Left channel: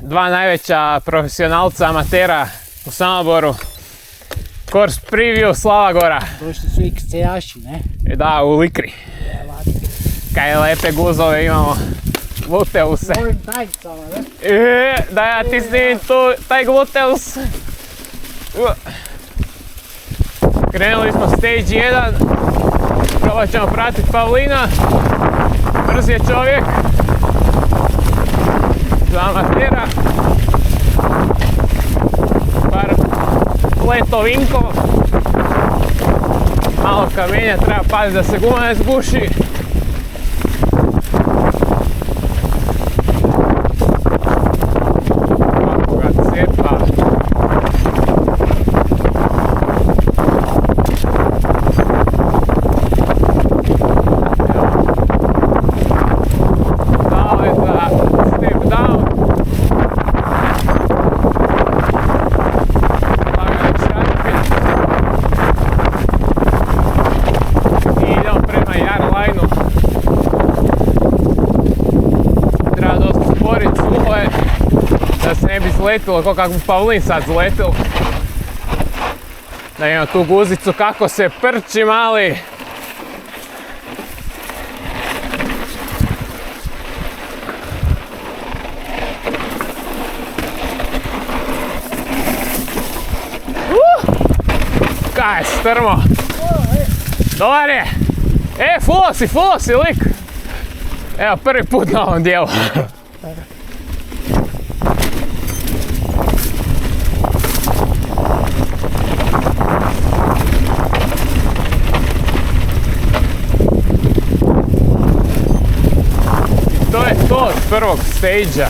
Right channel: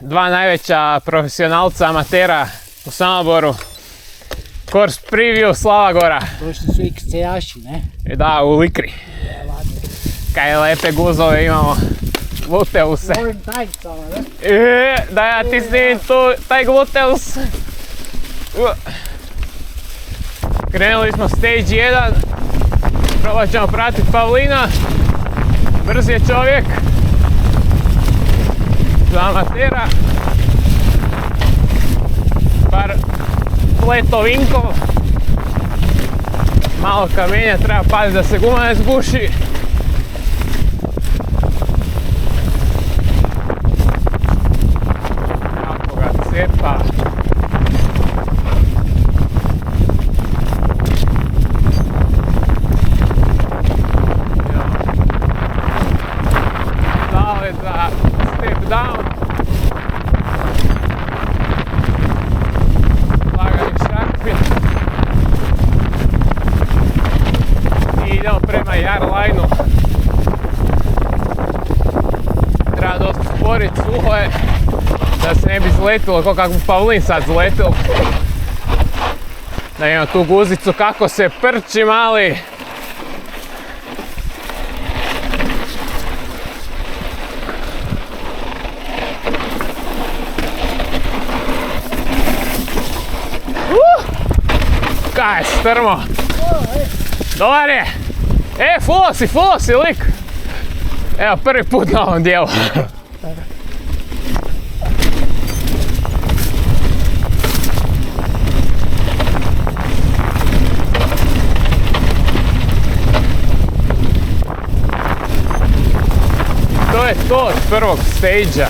dva najveća profesionalca amatera u Samoboru. Course Preview Slava Gora. Došli su XC-jaši, ne? Da, u Likri. Kaj lepe guzove imamo. Gluteuse. Novim tajnicama, ne? Da ja ti snimim tu, taj gluteus. Krenuli smo stage 1. Probat ćemo pratiti Pavlina. Brz je čovjek. Za amatera. Par letovinkov. Malo kamenja, treba paziti da se guma ne zguši. Kako ga cepa. Dale za step down. Lagani šarpin. I idemo prema Jarlajnu. Treba dosta sporit, suho je, da se ne bi zletilo ko kako bi Pavlin sad zletil. Da imamo tu guzicu kako se prči mali. Kaj je strmo. Dobar je. Fulo si lik. Evo, prvi put na ovom dijelu. I to je to od prvog stage-a.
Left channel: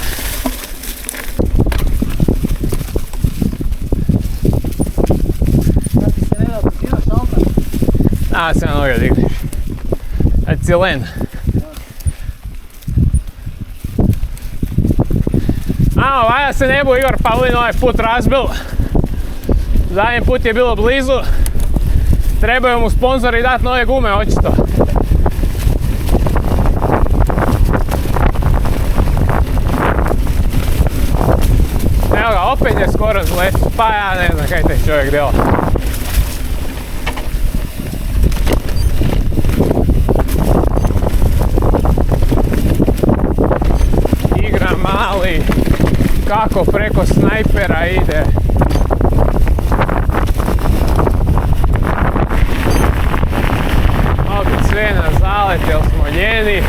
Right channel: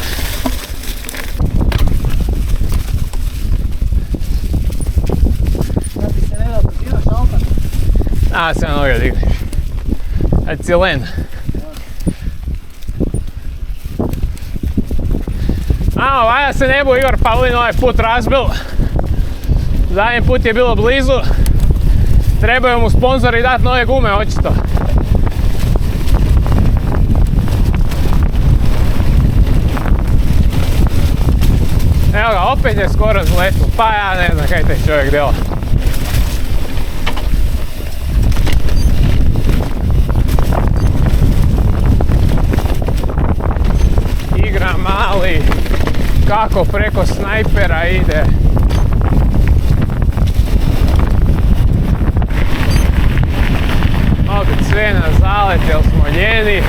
Da ti se ne da brzina šalta? A, se na noge digniš. Ajde si len. Valjda se ne bu Igor Pavlin ovaj put razbil. Zadnji put je bilo blizu. Trebaju mu sponzori dati nove gume, očito. Evo ga, opet je skoro zletio. Pa ja ne znam kaj taj čovjek dela. Igra mali. Kako preko snajpera ide. Opet sve na zalet, jer smo ljeni.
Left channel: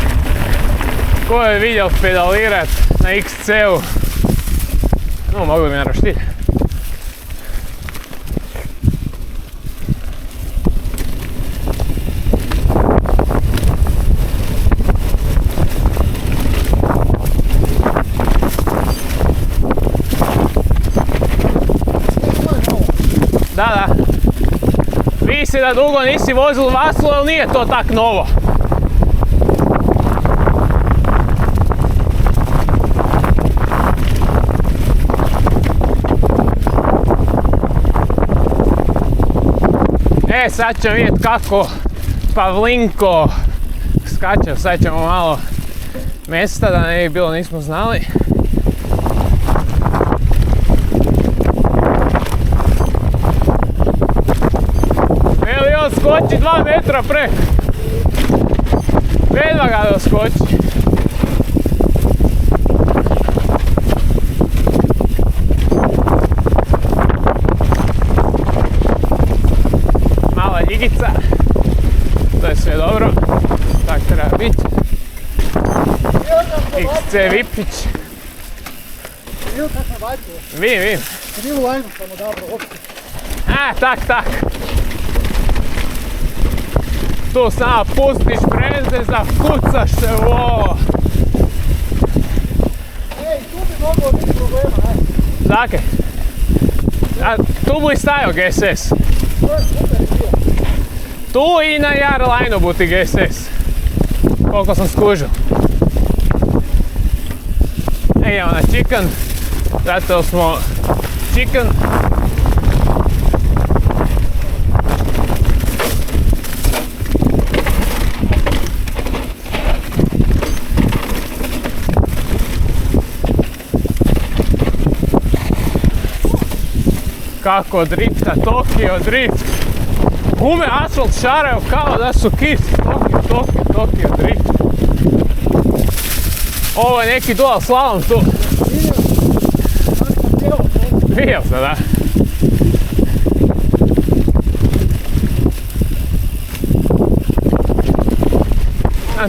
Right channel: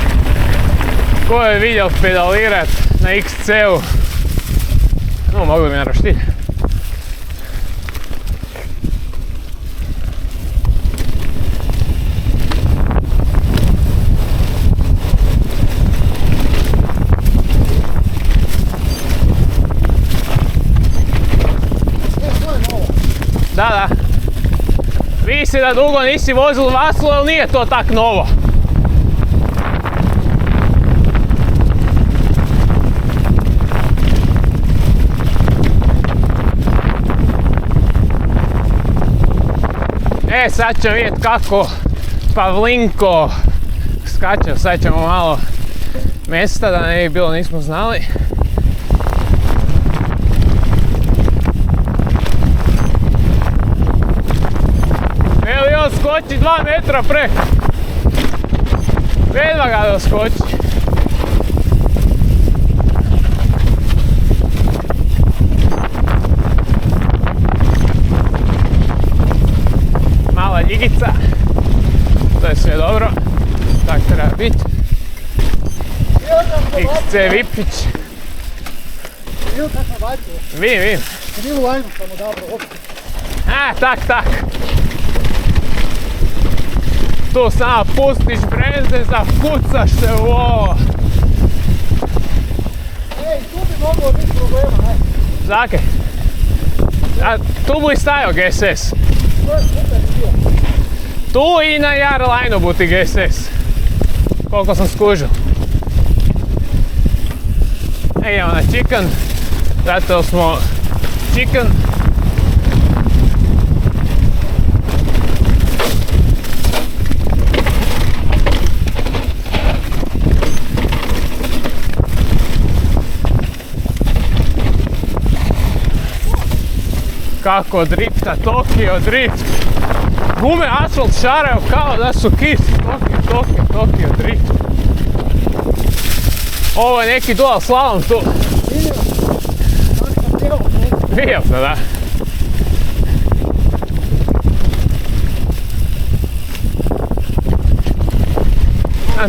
Ko je vidio pedalirat na XC-u? No, mogli bi na roštilj. Da. Vidi se da dugo nisi vozil Vaslu, ali nije to tak novo. Sad ćemo vidjeti kako Pavlinko skače. Sad ćemo malo mjesta da ne bi bilo nismo znali. On skoči 2 metra preko. Vedva ga doskoči. Mala ljigica. To je sve dobro. Tak treba biti. XC Vipić. Vidio kako sam bacio? Vidim. Krivu lajnu sam odabrao opet. Tak. Tu samo pustiš breze, zakucaš se u ovo. Tu bi moglo biti problema, ne? Zake? Tu bi stajao GSS. To je super bio. Tu i na Jarlajnu buti GSS. Koliko sam skužio. Idemo na Chicken. Zato smo Chicken. Kako drifta, Tokio drift. Gume asfalt šaraju kao da su kis. Tokio drift. Ovo je neki dual slalom tu. Vidio sam, da.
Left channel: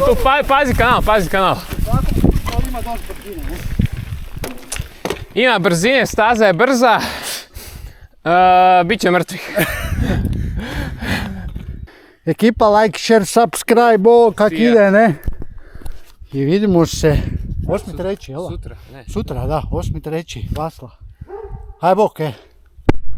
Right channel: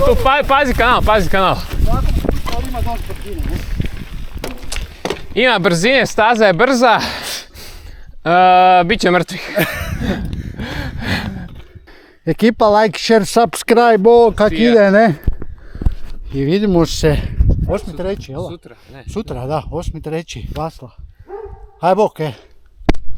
Tu pazi kanal. Ali ima dosta brzine, ne? Ima brzine, staza je brza. Biće mrtvih. Ekipa like, share, subscribe, ovo kak ide, ne? I vidimo se 8.3. jel? Sutra, ne. Sutra, da, 8.3. Vasla. Haj bok,